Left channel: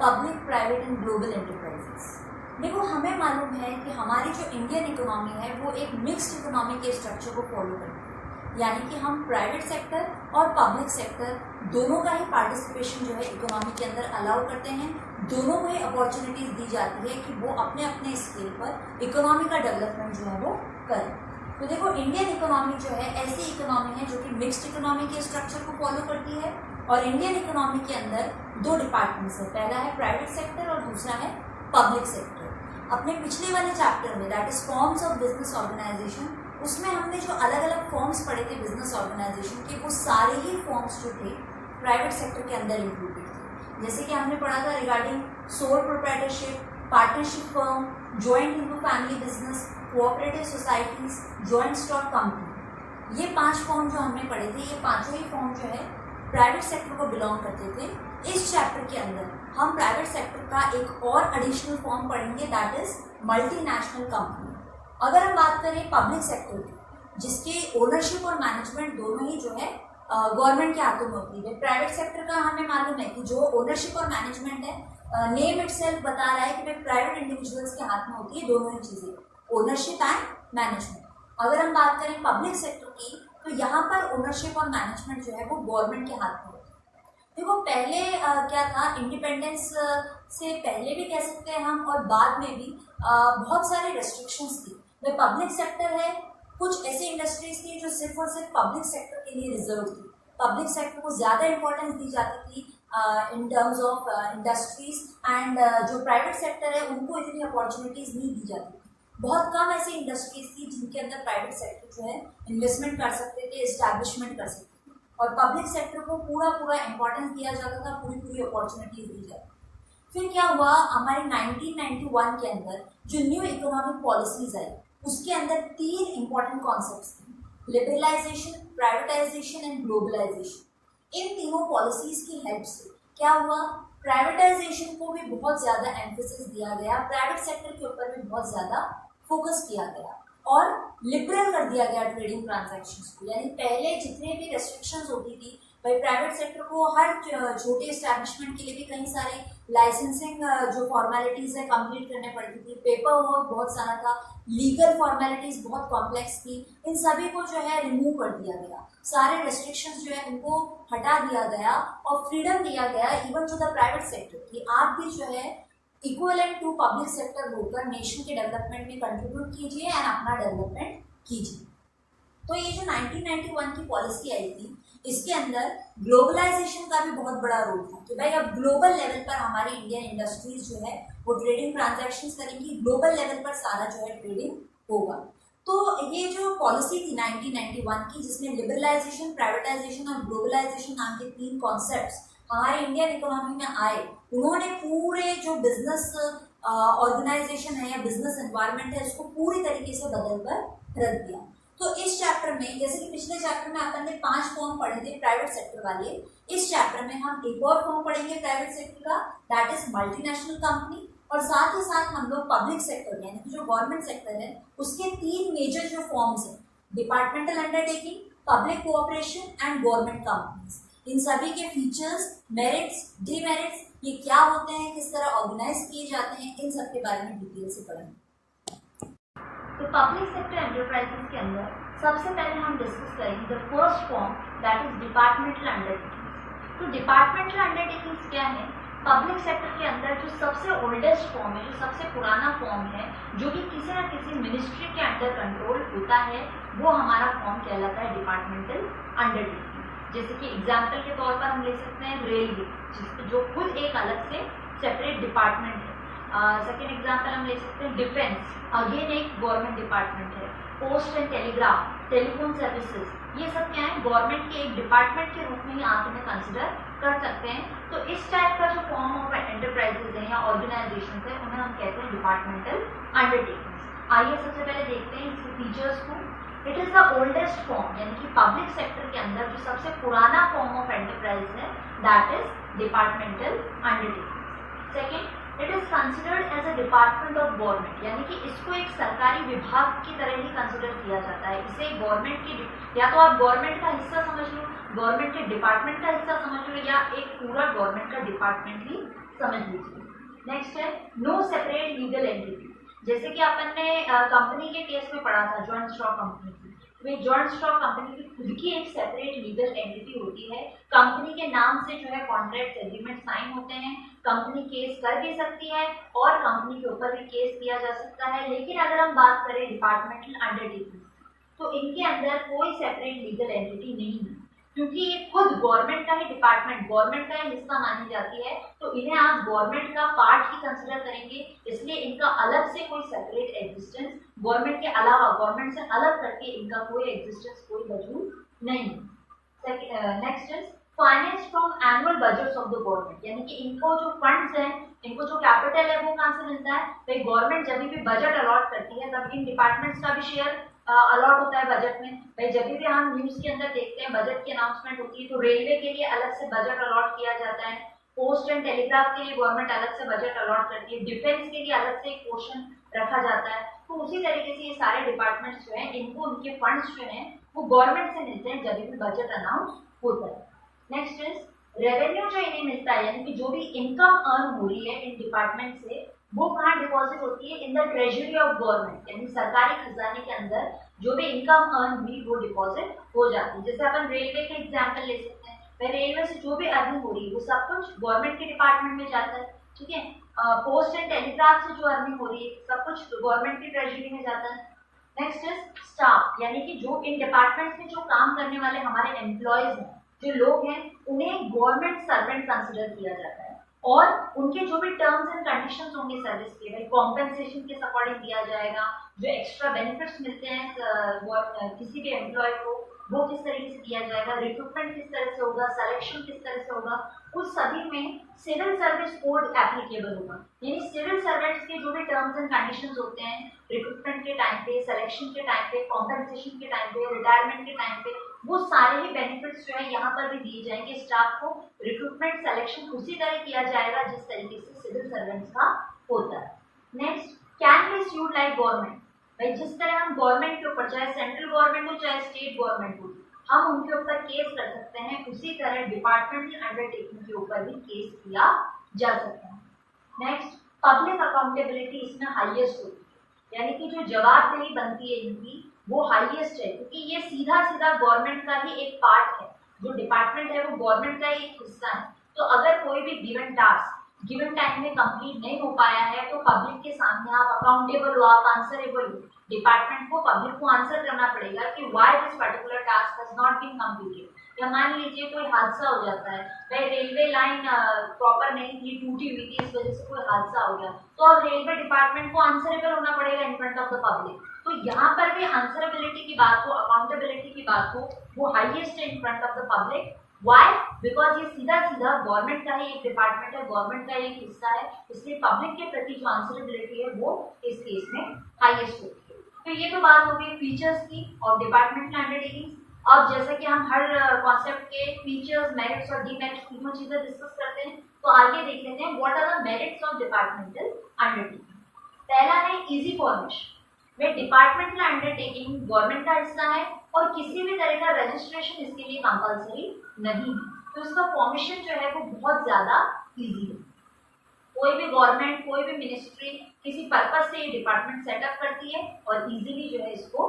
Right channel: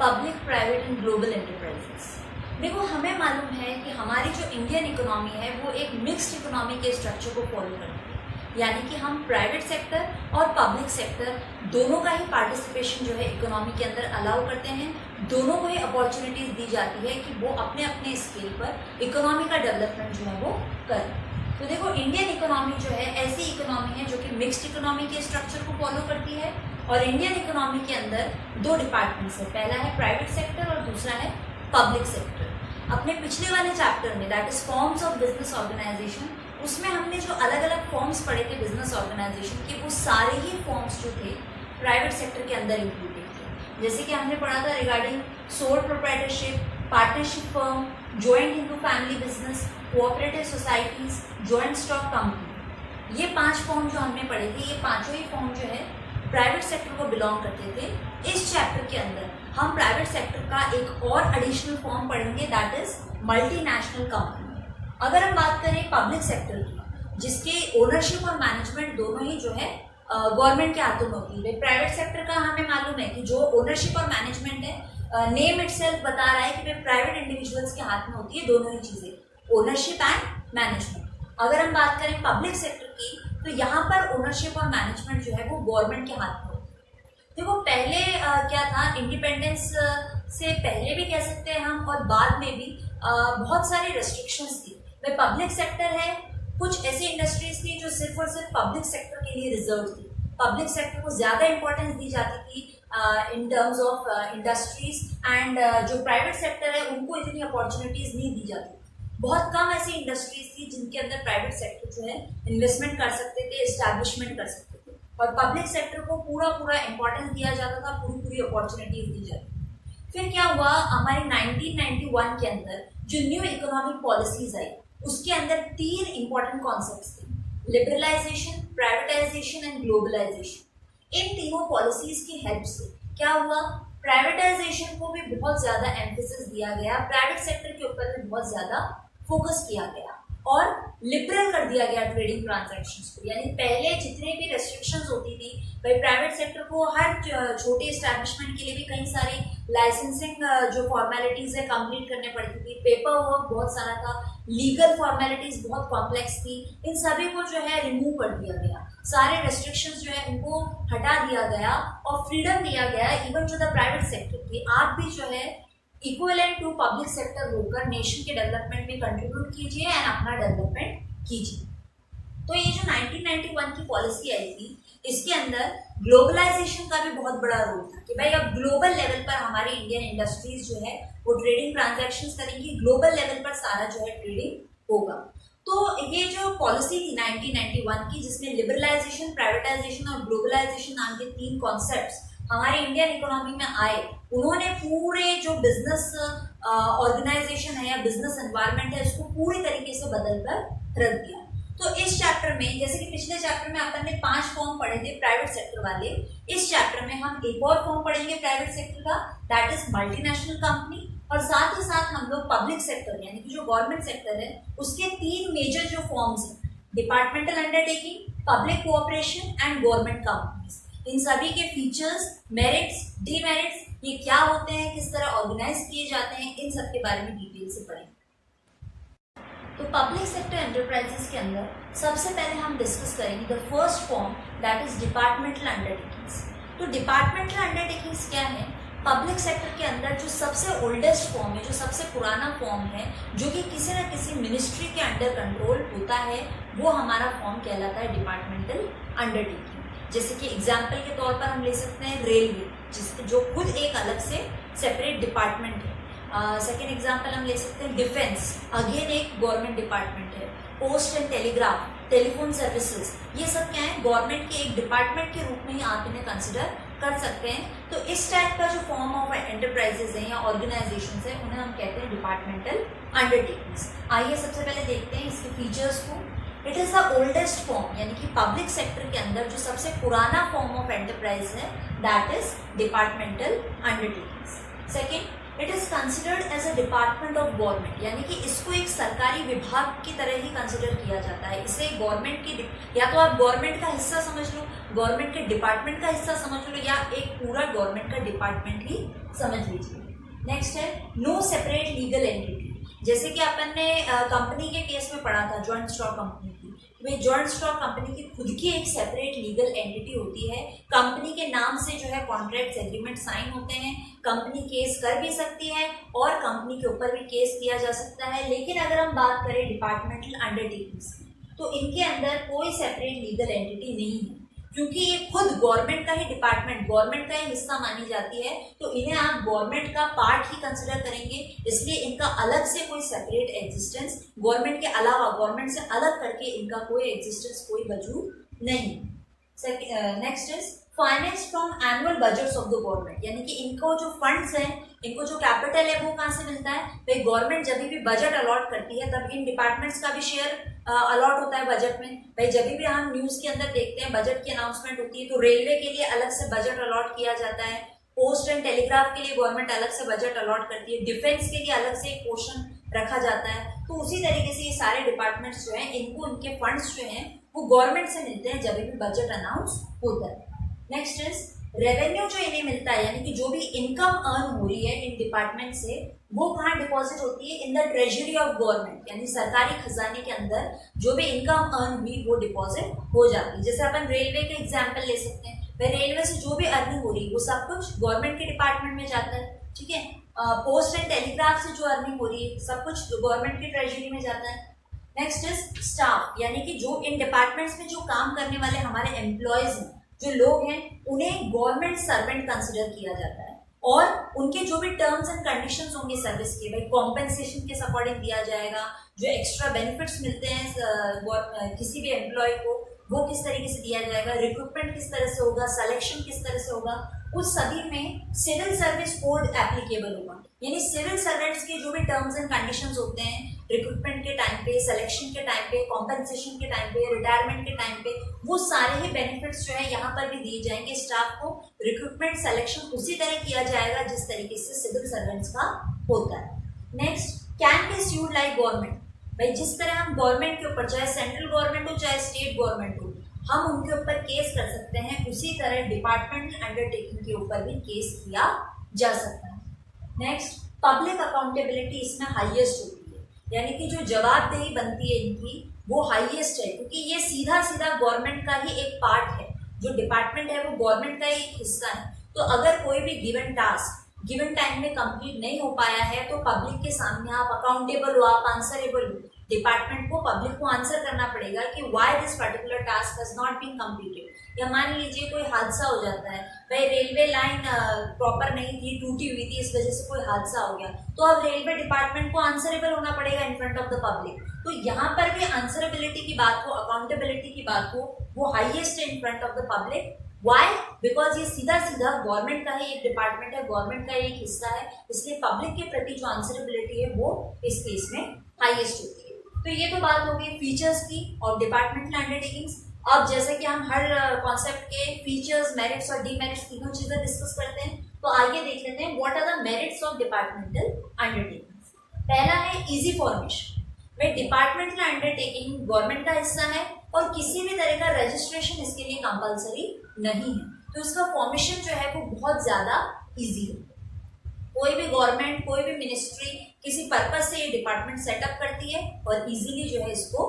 Public, private and global enterprises. देखो, हमें मालूम है कि हमारी जो इंडियन इकोनॉमी है वो एक मिक्स्ड इकोनॉमी के स्ट्रक्चर को फॉलो करती है, यानी कि हम प्राइवेट सेक्टर और पब्लिक सेक्टर दोनों का ही पार्टिसिपेशन जो है इकोनॉमी के अंदर अलाउ करते हैं। दोनों को ही अपॉर्चुनिटीज दी जाती है कि वो अपने अपने स्केल पर इकोनॉमी का डेवलपमेंट जो है वो करें। तो देखो, इंडियन इकोनॉमी जो है ऐसी इकोनॉमी है जो कि मिक्स्ड इकोनॉमी के स्ट्रक्चर को फॉलो करती है। और इंडियन इकोनॉमी के अंदर दो डिपार्टमेंट्स है, पहला है प्राइवेट सेक्टर और दूसरा है पब्लिक सेक्टर। अपने पिछले वाले चैप्टर में that is forms of business organisation, उसमें हमने जो अलग अलग फॉर्म्स पढ़े थे बिजनेस ऑर्गेनाइजेशन के, वो सारे ही फॉर्म्स जो थे प्राइवेट सेक्टर के अंदर इंक्लूडेड थे। जैसे कि हमने पढ़ा था regarding sole proprietorship, partnership firm, joint into family business, cooperative societies, joint stock company. ये 5 फॉर्म जो हमने पढ़े थे, ये पांचों ही फॉर्म जो है प्राइवेट सेक्टर को बिलोंग करते थे। इस चैप्टर के अंदर हम प्राइवेट सेक्टर का एक और एडिशनल फॉर्म पढ़ेंगे, दैट इज मल्टीनेशनल कंपनी। अगर हम बात करें पब्लिक सेक्टर की, जिसके ओनरशिप और मैनेजमेंट दोनों ही जो है गवर्नमेंट के हाथों में होती है। प्राइवेट सेक्टर का हमें मालूम है कि जो ओनरशिप और मैनेजमेंट है, नेम इटसेल्फ बता रहा है कि प्राइवेट इंडिविजुअल्स के हाथ में होती है दोनों ही चीजें, ओनरशिप एंड मैनेजमेंट। अगर हम बात करें पब्लिक सेक्टर की, तो यहाँ पर ओनरशिप और मैनेजमेंट जो है वो गवर्नमेंट के हाथ में होती है। देखो, पहले क्या था, इंडिपेंडेंस से पहले भी कह सकते हैं हम और बाद में भी बहुत सारी रेस्ट्रिक्शंस थी। भाई पब्लिक सेक्टर है, कुछ ऐसी इंडस्ट्रीज थी जो सिर्फ और सिर्फ पब्लिक सेक्टर के लिए रिजर्व थी। पब्लिक सेक्टर को ज़्यादा इंपॉर्टेंस दी जाती थी in terms of industries, and जो प्राइवेट सेक्टर है उनको इतनी अपॉर्चुनिटीज़ नहीं दी जाती। बहुत कम ऐसी इंडस्ट्रीज थी जिनके अंदर प्राइवेट सेक्टर जो है इन्वेस्टमेंट कर सकते थे, एस्टैब्लिशमेंट कर सकते थे, और पब्लिक सेक्टर को पूरा इंपॉर्टेंस दिया जाता था, पूरी अपॉर्चुनिटीज दी जाती। फिर क्या हुआ, हमारे 1991 के अंदर जो न्यू इकोनॉमिक पॉलिसीज आई, उसके अंदर 3 इंपॉर्टेंट कॉन्सेप्ट्स थे, लिबरलाइजेशन, प्राइवेटाइजेशन एंड ग्लोबलाइजेशन। इन तीनों पॉलिसीज की हेल्प से क्या हुआ, प्राइवेटाइजेशन को भी बहुत ज़्यादा एम्फेसिस दिया गया, प्राइवेट सेक्टर के ऊपर भी बहुत ज़्यादा फोकस किया गया और लिबरल कर दिया गया ट्रेडिंग ट्रांजैक्शंस को। यानी पहले जितने भी रेस्ट्रिक्शंस होती थी, भाई प्राइवेट सेक्टर को हर छोटे इस्टेब्लिशमेंट के लिए भी कई सारी लाइसेंसिंग जो फॉर्मेलिटीज़ है कंप्लीट करने पड़ती थी, पेपर वर्क बहुत सारा था, लीगल फॉर्मेलिटीज़ बहुत कॉम्प्लेक्स थी, इन सभी को जो है रिमूव कर दिया गया। सारे रेस्ट्रिक्शंस जो है उनको हटा दिया गया और फ्रीडम दिया गया even to the private sector की, आप भी जो है इक्वलेंट टू पब्लिक सेक्टर होकर नेशन के डेवलपमेंट में कंट्रीब्यूट कीजिए एंड अपना डेवलपमेंट कीजिए। तो ये जो 1991 की पॉलिसी आई थी, इसके अंदर ग्लोबलाइजेशन का भी बहुत बड़ा रोल था कि भाई अब ग्लोबल लेवल पर हमारी इंडियन इंडस्ट्रीज जो है वो ट्रेडिंग ट्रांजैक्शंस करेंगी, ग्लोबल लेवल पर सारा जो है ट्रेडिंग होगा। तो ये जो पॉलिसी थी 1991 की, जिसमें लिबरलाइजेशन, प्राइवेटाइजेशन और ग्लोबलाइजेशन नाम के 3 कॉन्सेप्ट्स हमारे इंडियन इकोनॉमी में आए, उन्होंने पूरे जो बिजनेस ऑर्गेनाइजेशन है या बिजनेस एनवायरनमेंट है उसको पूरी तरीके से बदल कर रख दिया। तो इस चैप्टर में, जैसे कि पिछले चैप्टर में अपन ने 5 फॉर्म पढ़े थे प्राइवेट सेक्टर वाले, इस चैप्टर में हम एक और फॉर्म पढ़ेंगे प्राइवेट सेक्टर का, दैट इज मल्टीनेशनल कंपनी। और साथ ही साथ हम लोग पब्लिक सेक्टर यानी कि जो गवर्नमेंट सेक्टर है उसके 3 मेजर जो फॉर्म्स हैं, departmental undertaking, public cooperation and government companies, इन सभी के फीचर्स, मेरिट्स, डीमेरिट्स, ये क्या होते हैं, किस तरह ऑर्गेनाइज किए जाते हैं, इन सब के बारे में डिटेल से पढ़ेंगे। तो पब्लिक सेक्टर एंटरप्राइजेस के अंदर सबसे पहले हम डिस्कस करेंगे the first form, that is departmental undertakings. तो डिपार्टमेंटल अंडरटेकिंग्स क्या है, पब्लिक सेक्टर के अंदर जो सबसे ओल्डेस्ट फॉर्म है, जो सबसे पुराना फॉर्म है, जो कि किसी न किसी मिनिस्ट्री के अंडर कंट्रोल होता है, वो हमारा फॉर्म कहलाता है डिपार्टमेंटल अंडरटेकिंग। जैसे कि एग्जाम्पल के तौर पर हम ले सकते हैं रेलवे, जो खुद एक अलग से सेपरेट डिपार्टमेंट है। सेकेंड एग्जाम्पल हम ले सकते हैं डिफेंस, अगेन एक गवर्नमेंट डिपार्टमेंट है। Post and telegraph, telephone services, ये सब क्या है, गवर्नमेंट के एक डिपार्टमेंट के रूप में ही आप इन्हें कंसिडर कर सकते हैं। तो इस टाइप का जो फॉर्म ऑफ एंटरप्राइजेज है या ऑर्गेनाइजेशंस है, उन्हें हम कहते हैं डिपार्टमेंटल अंडरटेकिंग्स। आइए सबसे पहले देखते हैं इसके फीचर्स को। It is the oldest form, यानी कि पब्लिक सेक्टर के अंदर जो सबसे पुराना फॉर्म ऑफ एंटरप्राइज है, that is departmental undertakings. Second, it is considered as a department of government, यानी कि इसको एक सरकारी विभाग की तरह ही कंसिडर किया जाता है। इसे गवर्नमेंट की, या तो आप गवर्नमेंट का हिस्सा समझ लो, गवर्नमेंट के डिपार्टमेंट का हिस्सा समझ लो, या एक पूरा गवर्नमेंट का डिपार्टमेंट ही समझ लीजिए। नेक्स्ट है नो सेपरेट लीगल एंटिटी। जैसे कि अपन ने कंपनी के केस में पढ़ा था, जॉइंट स्टॉक कंपनी की, वे जॉइंट स्टॉक कंपनी की खुद की एक सेपरेट लीगल एंटिटी होती है। कंपनी के नाम से जो है कॉन्ट्रैक्ट एग्रीमेंट साइन होते हैं, कंपनी केस कर भी सकती है और कंपनी के ऊपर भी केस किया जा सकता है। लेकिन अगर हम बात करें डिपार्टमेंटल अंडरटेकिंग्स की, तो इनके अंदर कोई सेपरेट लीगल एंटिटी नहीं है, क्योंकि ये खुद गवर्नमेंट का ही डिपार्टमेंट, गवर्नमेंट का ही हिस्सा मानी जाती है, तो इन्हें आप गवर्नमेंट का पार्ट ही कंसिडर करेंगे। इसलिए इनका अलग से कोई सेपरेट एग्जिस्टेंस, गवर्नमेंट के अलावा, गवर्नमेंट से अलग करके इनका कोई एग्जिस्टेंस, कोई वजूद नहीं। Next is finance from annual budgets of the government, यानी कि इनको जो फंड्स हैं, इनको जो कैपिटल है वो कहाँ से मिलता है? भाई गवर्नमेंट जब भी बजट अलॉट करती है तब इन डिपार्टमेंट्स का भी शेयर अलॉट होता है बजट में। भाई जब भी हम न्यूज के अंदर देखते हैं बजट की अनाउंसमेंट होती है तो रेलवे के लिए अलग से बजट अलॉट किया जाता है, पोस्ट एंड टेलीग्राफ के लिए गवर्नमेंट अलग से बजट अलॉट करती है, डिफेंस के लिए अलग से एक पोर्शन रखा जाता है। तो उसी तरीके से ये सारे डिपार्टमेंट्स जो हैं, इनको उनके फंड्स जो हैं वो गवर्नमेंट से मिलते हैं जब भी बजट अनाउंस होता है। नेक्स्ट इज रेवेन्यू जो इन्हें मिलता है, यानी कि जो भी इनकम अर्न हो रही है इन डिपार्टमेंट से, वो कहाँ डिपॉजिट होती है? In the treasury of government, यानी सरकारी खजाने के अंदर जो भी इनकम अर्न हुई वो डिपॉजिट हो जाती है। जैसे अपन रेलवे का एग्जाम्पल ले सकते हैं, भाई रेलवे से जो भी अर्निंग हो रही है वो सब कुछ गवर्नमेंट के डिपार्टमेंट में जाता है, ठीक है। पोस्ट एंड टेलीग्राफ से जो अर्निंग हो रही है सब कुछ गवर्नमेंट की ट्रेजरी में जाता है। नेक्स्ट इज स्टाफ, यानी कि जो इन डिपार्टमेंट्स में जो काम करने वाले हमारे एम्प्लॉयज हैं, जो लोग हैं, उन्हें गवर्नमेंट सर्वेंट कंसिडर किया जाता है और उनके जो भी टर्म्स एंड कंडीशंस होंगे सर्विस के, भाई कॉम्पेंसेशन के अकॉर्डिंग दिया जाएगा, जो एक्स्ट्रा बेनिफिट्स मिलते हैं किसी भी एम्प्लॉय को वो किस तरीके से दिया जाएगा, रिक्रूटमेंट किस तरह से होगा, सिलेक्शन किस तरह से होगा, उस सभी में सिविल सर्विस कोड एप्लीकेबल होगा। यानी सिविल सर्वेंट्स के जो भी टर्म्स एंड कंडीशंस होते हैं रिक्रूटमेंट के टाइम पे, सिलेक्शन के टाइम पे, कॉम्पेंसेशन के टाइम पे, रिटायरमेंट के टाइम पे, वो सारे ही बेनिफिट्स जो है यहाँ पर भी दिए जाएंगे। स्टाफ को रिक्रूटमेंट सिलेक्शन उसी तरह किया जाएगा जिस तरीके से सिविल सर्वेंट्स का होता है। Next, can be sued like government, भाई जिस तरह हम गवर्नमेंट के ऊपर, चाहे सेंट्रल गवर्नमेंट हो चाहे स्टेट गवर्नमेंट हो, हम उनके ऊपर केस कर सकते हैं, उसी तरह डिपार्टमेंटल अंडरटेकिंग के ऊपर भी केस किया जा सकता है। नेक्स्ट, पब्लिक अकाउंटेबिलिटी इसमें हाईएस्ट होती है, यानी कि जो जवाबदेही बनती है इनकी वो हाईएस्ट है, क्योंकि ये सीधा सीधा गवर्नमेंट का ही एक पार्ट है। जो डिपार्टमेंट है वो गवर्नमेंट का ही एक हिस्सा है। तो अगर कोई भी गिवन टास्क गिवन टाइम में कंप्लीट नहीं हो पाया है तो पब्लिक के सामने आप अकाउंटेबल हो, आप आंसरेबल हो। डिपार्टमेंट को, पब्लिक को आंसर करना पड़ेगा कि why this particular task has not been completed. या मान लीजिए कोई हादसा हो जाता है, भाई रेलवे लाइन प्रॉपर नहीं थी, टूटी हुई थी, इस वजह से कोई हादसा हो गया, तो अब रेलवे डिपार्टमेंट को आंसरेबल होना पड़ेगा इन फ्रंट ऑफ द पब्लिक। तो यहाँ पर भी आंसरेबिलिटी की बात हो, अकाउंटेबिलिटी की बात हो, वो हाईएस्ट है in front of the public. Why? Because ये सीधा सीधा गवर्नमेंट का ही एक डिपार्टमेंट है, गवर्नमेंट का एक हिस्सा है, इसलिए पब्लिक के प्रति जो आंसरेबिलिटी है वो इस केस में हाईएस्ट होती है। तो ये तो बात हो गई फीचर्स की और डिपार्टमेंटल अंडरटेकिंग्स। अब जैसे कि हम हर कॉन्सेप्ट के फीचर्स, मेरिट्स और डीमेरिट्स तीनों चीजें डिस्कस करते हैं, तो आगे देख लेते हैं what are the merits of departmental undertakings. पहला है इजी फॉर्मेशन, वे डिपार्टमेंटल अंडरटेकिंग गवर्नमेंट का हिस्सा है और किसी भी तरह का रजिस्ट्रेशन इसके लिए कंपलसरी नहीं है, तो इसका फॉर्मेशन जो है वो बहुत ज़्यादा इजी है। कोई भी गवर्नमेंट, कोई भी मिनिस्ट्री किसी पर्पज से ये डिपार्टमेंट सेटअप करती है और इजीली जो है इसको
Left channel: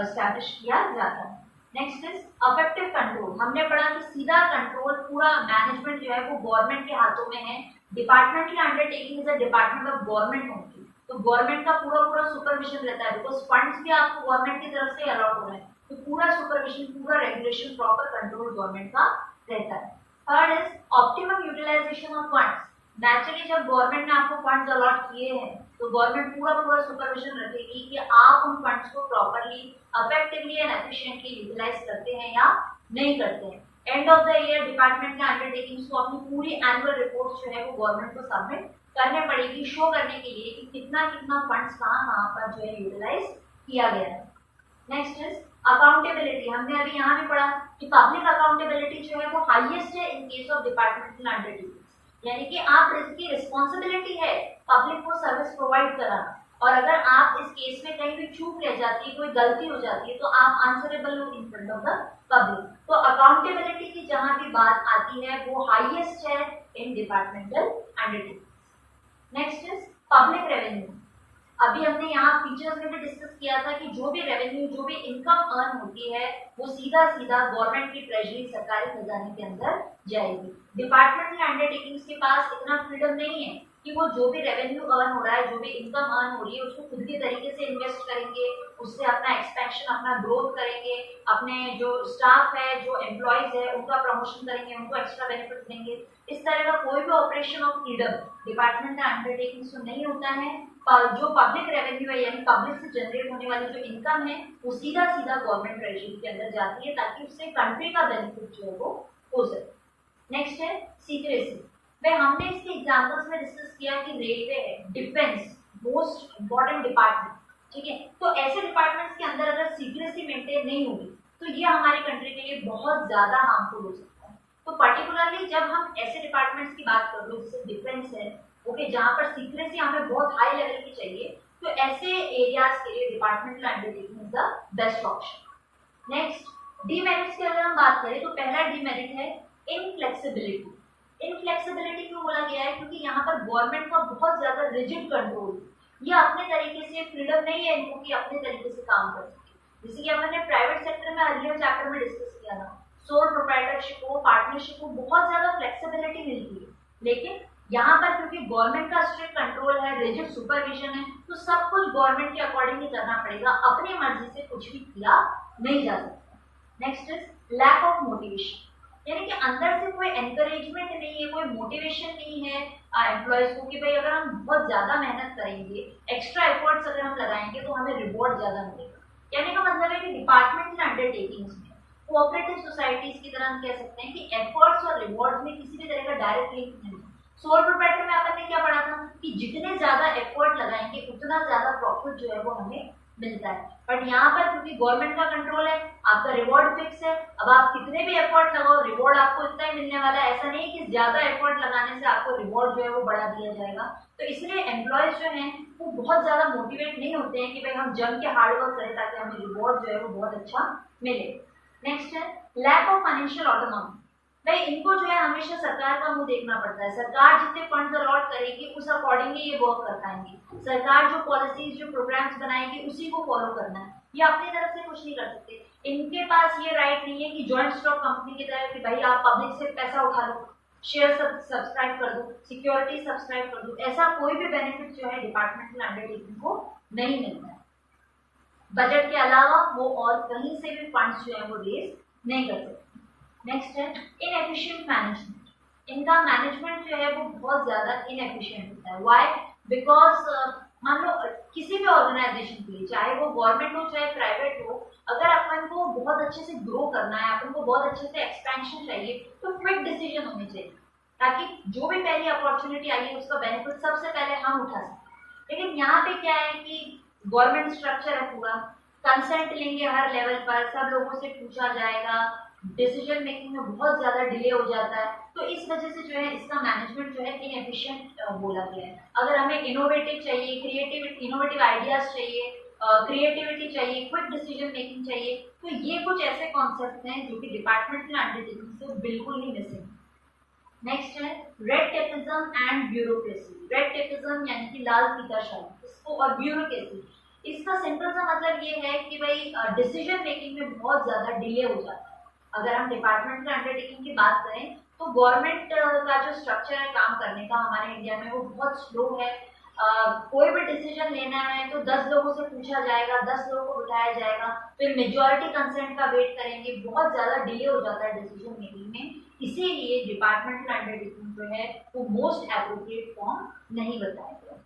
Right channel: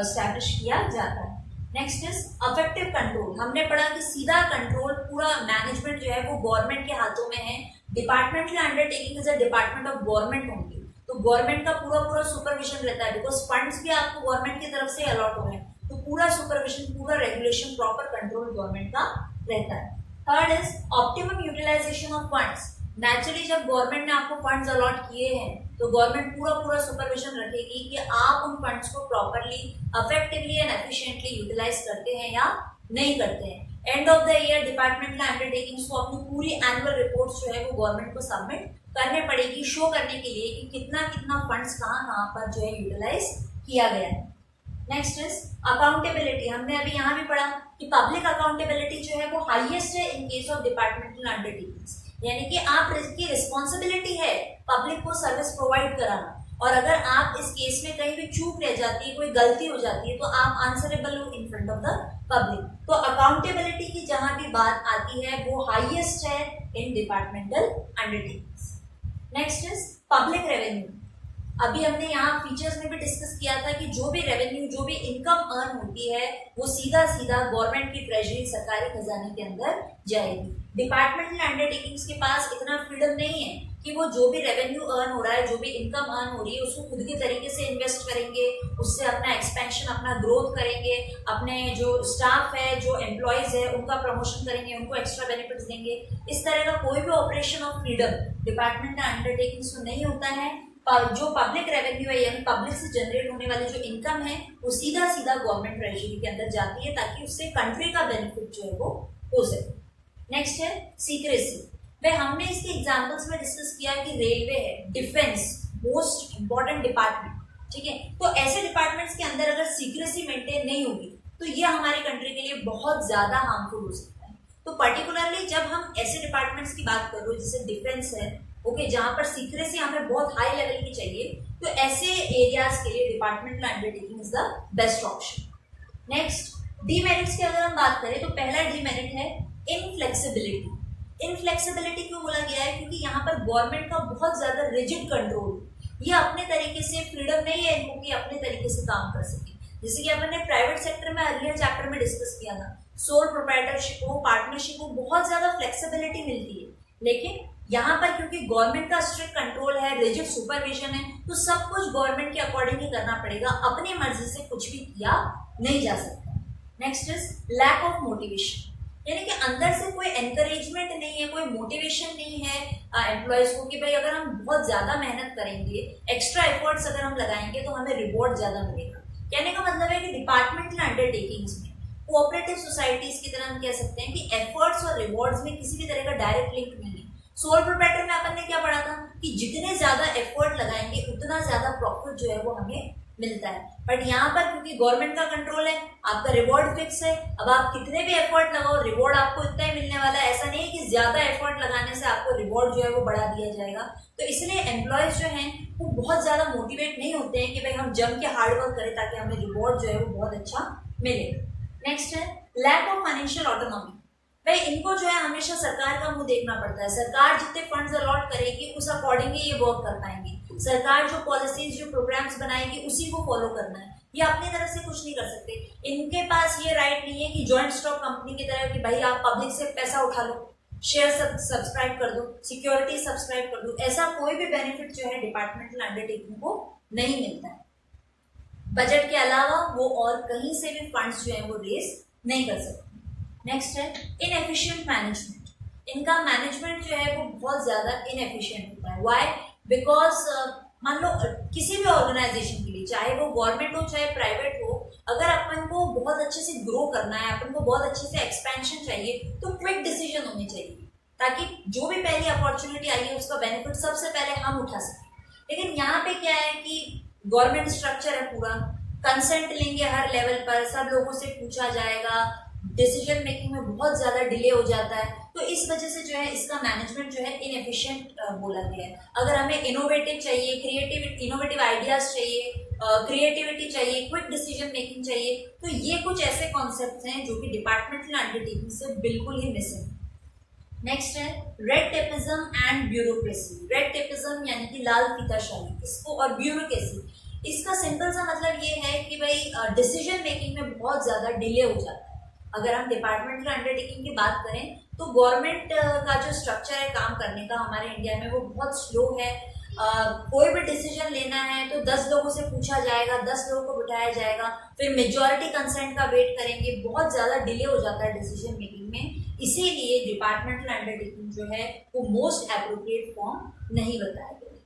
एस्टैब्लिश किया जाता है। Next is affective control. हमने पढ़ा कि सीधा कंट्रोल, पूरा मैनेजमेंट जो है वो गवर्नमेंट के हाथों में है। Departmental undertaking is a department of government होंगी, तो गवर्नमेंट का पूरा सुपरविजन रहता है, बिकॉज फंड्स भी आपको गवर्नमेंट की तरफ से अलॉट हो रहे हैं, तो पूरा सुपरविजन, पूरा रेगुलेशन, प्रॉपर कंट्रोल गवर्नमेंट का रहता है। Third is optimum utilisation of funds. Naturally जब गवर्नमेंट ने आपको फंड्स अलॉट किए हैं तो गवर्नमेंट पूरा सुपरविजन रखेगी कि आप उन फंड्स को properly, effectively and efficiently utilise करते हैं या नहीं करते हैं। End of the year departmental undertakings को अपनी पूरी एनुअल रिपोर्ट्स जो है वो गवर्नमेंट को सबमिट करने पड़ेगी, शो करने के लिए कि कितना फंड्स कहाँ पर जो है यूटिलाइज किया गया है। Next is accountability. हमने अभी यहाँ भी पढ़ा कि पब्लिक अकाउंटेबिलिटी जो है वो हाईएस्ट है in case of departmental undertakings, यानी कि आप की रिस्पॉन्सिबिलिटी है पब्लिक को सर्विस प्रोवाइड कराना। और अगर आप इस केस में कहीं भी चूक रह जाती है, कोई गलती हो जाती है, तो आप आंसरेबल हो in front of the public. तो अकाउंटेबिलिटी की जहां भी बात आती है वो हाईएस्ट है in departmental undertakings. Next is public revenue. अभी हमने यहाँ फीचर्स में भी डिस्कस किया था कि जो भी रेवेन्यू, जो भी इनकम अर्न होती है वो सीधा सीधा गवर्नमेंट की ट्रेजरी, सरकारी खजाने के अंदर जाएगी। डिपार्टमेंटल अंडरटेकिंग्स के पास इतना फ्रीडम नहीं है कि वो जो भी रेवेन्यू अर्न हो रहा है, जो भी इनकम अर्न हो रही है, उसको खुद के तरीके से इन्वेस्ट करेंगे, उससे अपना एक्सपेंशन, अपना ग्रोथ करेंगे, अपने जो स्टाफ है, जो एम्प्लॉयज है, उनका प्रमोशन करेंगे, उनको एक्स्ट्रा बेनिफिट्स देंगे। इस तरह का कोई भी operation of freedom departmental undertakings में नहीं होता है। जो पब्लिक रेवेन्यू है यानी पब्लिक से जनरेट होने वाली जो इनकम है वो सीधा सीधा गवर्नमेंट ट्रेजरी के अंदर जाती है, ताकि उससे कंट्री का बेनिफिट जो है वो हो सके। नेक्स्ट है सीक्रेसी। वह हमने इसके एग्जांपल्स में डिस्कस किया कि रेलवे है, डिफेंस, मोस्ट इंपॉर्टेंट डिपार्टमेंट, ठीक है। तो ऐसे डिपार्टमेंट्स के अंदर अगर सीक्रेसी मेंटेन नहीं होगी तो ये हमारी कंट्री के लिए बहुत ज्यादा हार्मफुल हो सकता है। तो पर्टिकुलरली जब हम ऐसे डिपार्टमेंट्स की बात कर रहे हो जैसे डिफेंस है, ओके, जहां पर सीक्रेसी हमें बहुत हाई लेवल की चाहिए, तो ऐसे एरियाज के लिए departmental undertaking is the best option. Next demerits की अगर हम बात करें तो पहला डीमेरिट है इनफ्लेक्सिबिलिटी। इनफ्लेक्सिबिलिटी क्यों बोला गया है? क्योंकि यहाँ पर गवर्नमेंट का बहुत ज्यादा रिजिड कंट्रोल, ये अपने तरीके से फ्रीडम नहीं है इनको कि अपने तरीके से काम कर सके। जैसे कि हमने प्राइवेट सेक्टर में अर्लियर चैप्टर में डिस्कस किया था, सोल प्रोप्राइटरशिप हो, पार्टनरशिप हो, बहुत ज्यादा फ्लेक्सिबिलिटी मिलती है। लेकिन यहाँ पर क्योंकि गवर्नमेंट का स्ट्रिक्ट कंट्रोल है, रिजिड सुपरविजन है, तो सब कुछ गवर्नमेंट के अकॉर्डिंग ही करना पड़ेगा, अपनी मर्जी से कुछ भी किया नहीं जा सकता। Next is lack of motivation, यानी कि अंदर से कोई एनकरेजमेंट नहीं है, कोई मोटिवेशन नहीं है एम्प्लॉयज को कि भाई अगर हम बहुत ज्यादा मेहनत करेंगे, एक्स्ट्रा एफर्ट्स अगर हम लगाएंगे तो हमें रिवॉर्ड ज्यादा मिलेगा। कहने का मतलब है कि डिपार्टमेंटल अंडरटेकिंग्स में, कोऑपरेटिव सोसाइटीज की तरह हम कह सकते हैं कि एफर्ट्स और रिवॉर्ड्स में किसी भी तरह का डायरेक्ट लिंक नहीं है। सोल प्रोप्राइटर में अपन ने क्या पढ़ा था कि जितने ज्यादा एफर्ट लगाएंगे उतना ज्यादा प्रॉफिट जो है वो हमें मिलता है। बट यहाँ पर क्योंकि गवर्नमेंट का कंट्रोल है, आपका रिवॉर्ड फिक्स है, अब आप कितने भी एफर्ट लगाओ रिवॉर्ड आपको इतना ही मिलने वाला है। ऐसा नहीं है कि ज्यादा एफर्ट लगाने से आपको रिवॉर्ड जो है वो बढ़ा दिया जाएगा। तो इसलिए एम्प्लॉयज जो हैं वो बहुत ज्यादा मोटिवेट नहीं होते हैं कि भाई हम जम के हार्डवर्क करें ताकि हमें रिवॉर्ड जो है वो बहुत अच्छा मिले। नेक्स्ट है लैक ऑफ फाइनेंशियल ऑटोनॉमी। भाई इनको जो है हमेशा सरकार का मुंह देखना पड़ता है। सरकार जितने फंड्स अलॉट करेगी उस अकॉर्डिंगली ये वर्क कर पाएंगे। सरकार जो पॉलिसीज, जो प्रोग्राम्स बनाएगी उसी को फॉलो करना है, ये अपनी तरफ से कुछ नहीं कर सकते। इनके पास ये राइट नहीं है कि जॉइंट स्टॉक कंपनी की तरह कि भाई आप पब्लिक से पैसा उठा लो, शेयर सब्सक्राइब कर दो, सिक्योरिटी सब्सक्राइब कर दो। ऐसा कोई भी बेनिफिट जो है डिपार्टमेंटल अंडरटेकिंग को नहीं मिलता है। बजट के अलावा वो और कहीं से भी फंड्स जो है वो रेज नहीं कर सकते। नेक्स्ट है इनएफिशिएंट मैनेजमेंट। इनका मैनेजमेंट जो है वो बहुत ज़्यादा इनएफिशिएंट होता है। व्हाई? बिकॉज मान लो किसी भी ऑर्गेनाइजेशन के लिए, चाहे वो गवर्नमेंट हो चाहे प्राइवेट हो, अगर अपन को बहुत अच्छे से ग्रो करना है, अपन को बहुत अच्छे से एक्सपेंशन चाहिए, तो क्विक डिसीजन होने चाहिए ताकि जो भी पहली अपॉर्चुनिटी आई है उसका बेनिफिट सबसे पहले हम उठा सकें। लेकिन यहाँ पे क्या है कि गवर्नमेंट स्ट्रक्चर है पूरा, कंसेंट लेंगे हर लेवल पर, सब लोगों से पूछा जाएगा, डिसीजन मेकिंग में बहुत ज़्यादा डिले हो जाता है। तो इस वजह से जो है इसका मैनेजमेंट जो है इनएफिशिएंट बोला गया है। अगर हमें इनोवेटिव चाहिए, इनोवेटिव आइडियाज चाहिए, क्रिएटिविटी चाहिए, क्विक डिसीजन मेकिंग चाहिए, तो ये कुछ ऐसे कॉन्सेप्ट्स हैं जो कि डिपार्टमेंटल अंडरटेकिंग से बिल्कुल ही मिसिंग। नेक्स्ट है red tapism and bureaucracy. Red tapism यानी कि लाल फीताशाही, इसको, और ब्यूरोक्रेसी, इसका सिंपल सा मतलब ये है कि भाई डिसीजन मेकिंग में बहुत ज़्यादा डिले हो जाता है। अगर हम डिपार्टमेंटल अंडरटेकिंग की बात करें तो गवर्नमेंट का जो स्ट्रक्चर है काम करने का हमारे इंडिया में वो बहुत स्लो है। कोई भी डिसीजन लेना है तो 10 लोगों से पूछा जाएगा, 10 लोगों को बिठाया जाएगा, फिर मेजॉरिटी कंसेंट का वेट करेंगे, बहुत ज़्यादा डिले हो जाता है डिसीजन मेकिंग में। इसीलिए डिपार्टमेंटल अंडरटेकिंग जो है वो मोस्ट एप्रोप्रिएट फॉर्म नहीं बताया गया।